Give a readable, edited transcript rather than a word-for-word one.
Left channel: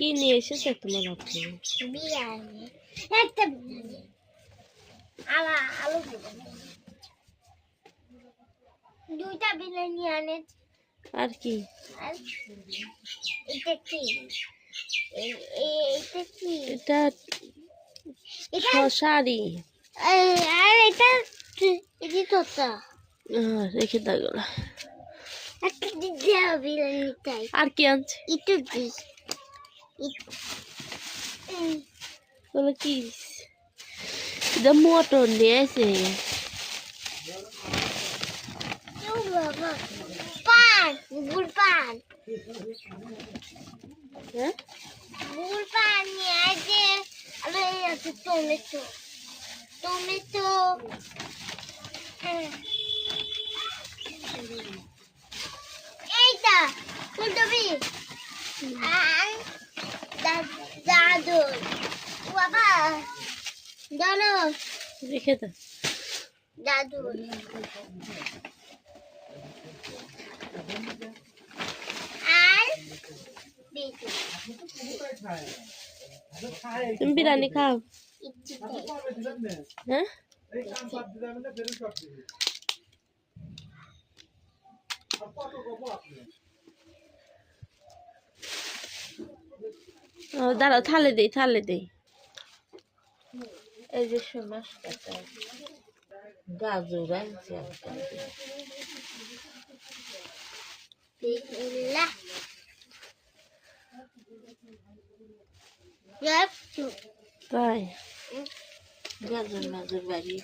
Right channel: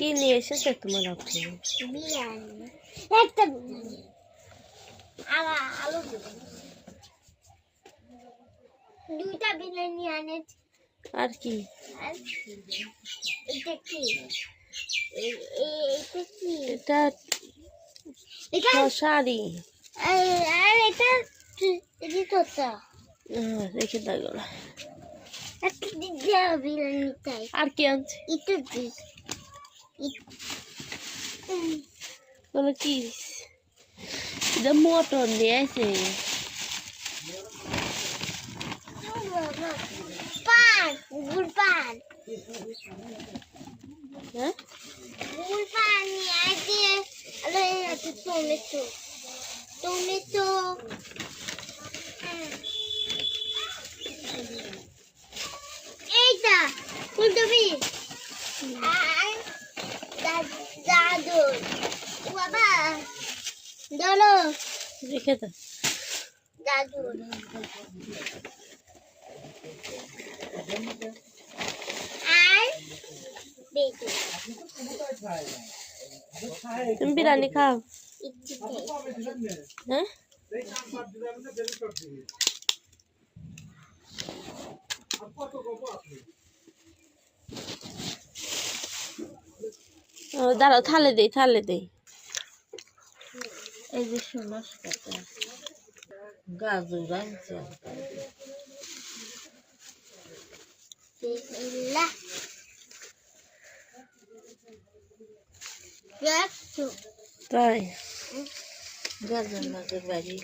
কি নিয়ে এসেছে তোমার আপনি? বিরিয়ানি, একটা বিরিয়ানি, আলু বিরিয়ানি, দুইটা বিরিয়ানি আনেছি। আর কি? আর এটা কি? এটা কি? এটা শশারি। আর এটা এটি তোতা। রেখে দাও গেল। একটা দিদি বিরিয়ানি তাই। আর কি আনছে? একটু দিস। বলো কি? মোটর নিয়ে এসে পান, গুড় পান, হ্যাঁ গুড় পান নিয়ে আসে। আরে আছে টমেটো, টমেটো, এইটা ফুলকপি আর দাদুর বাবা ধরো রেখে দাও। দাদুর আর বেগুন। তুমি বিরিয়ানি খাও? হ্যাঁ দাঁড়াও, থালে দেই, থালে দেই। এই যে সমস কাটা গাজর আনছে বিসমিল্লাহ। তাই গাজর মাঝে বাড়ি